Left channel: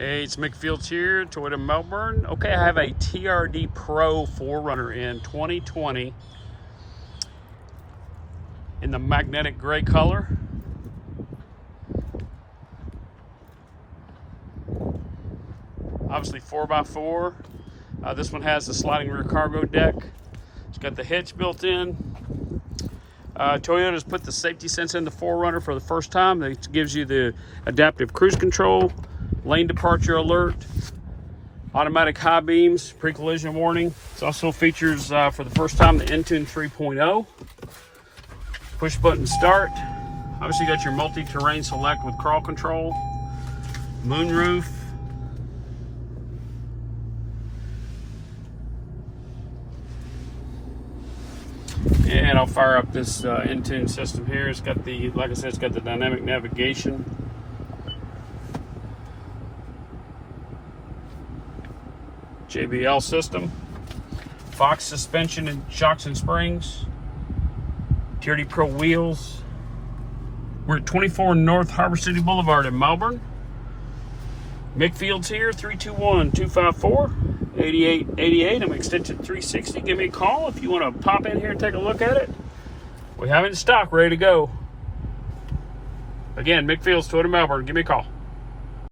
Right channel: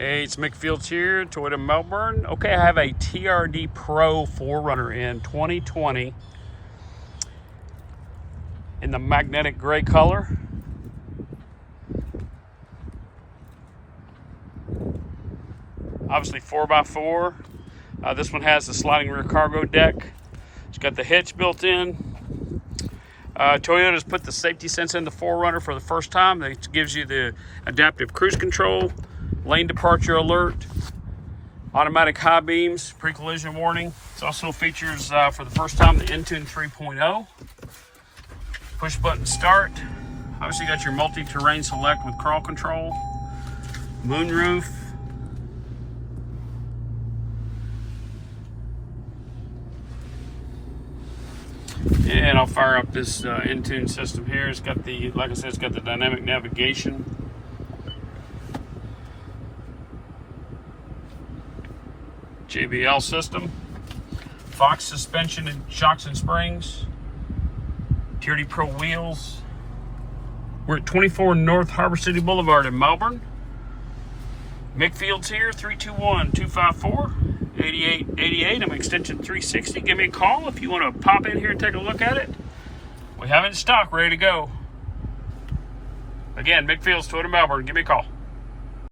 Hey, it's Mick Fields here, Toyota Melbourne. Okay, I have a TRD Pro 4Runner in 2020 in the magnetic gray color. Obviously 4x4. This one has the sliding rear cargo deck. It's got the hitch built in. Toyota's put the safety sense in the 4Runner for the first time. It gives you the adaptive cruise control, lane departure alert, automatic high beams, pre-collision warning. It also features, for the first time, the Entune 3.0. Push button start. Obviously you got your multi-terrain select with crawl control, moonroof, and I'll fire up this Entune system here. It's got the, like I said, it's got the dynamic navigation. JBL system, Fox suspension and shocks and springs, TRD Pro wheels. We're at 24 North Harbor City Boulevard in Melbourne. Mick Fields here, 321-254-8888. I'm extension 360. Give me a call if you want to pop in here and take a look at it. We have it in stock, ready to go. Again, Mick Fields, Toyota Melbourne. Give me a call.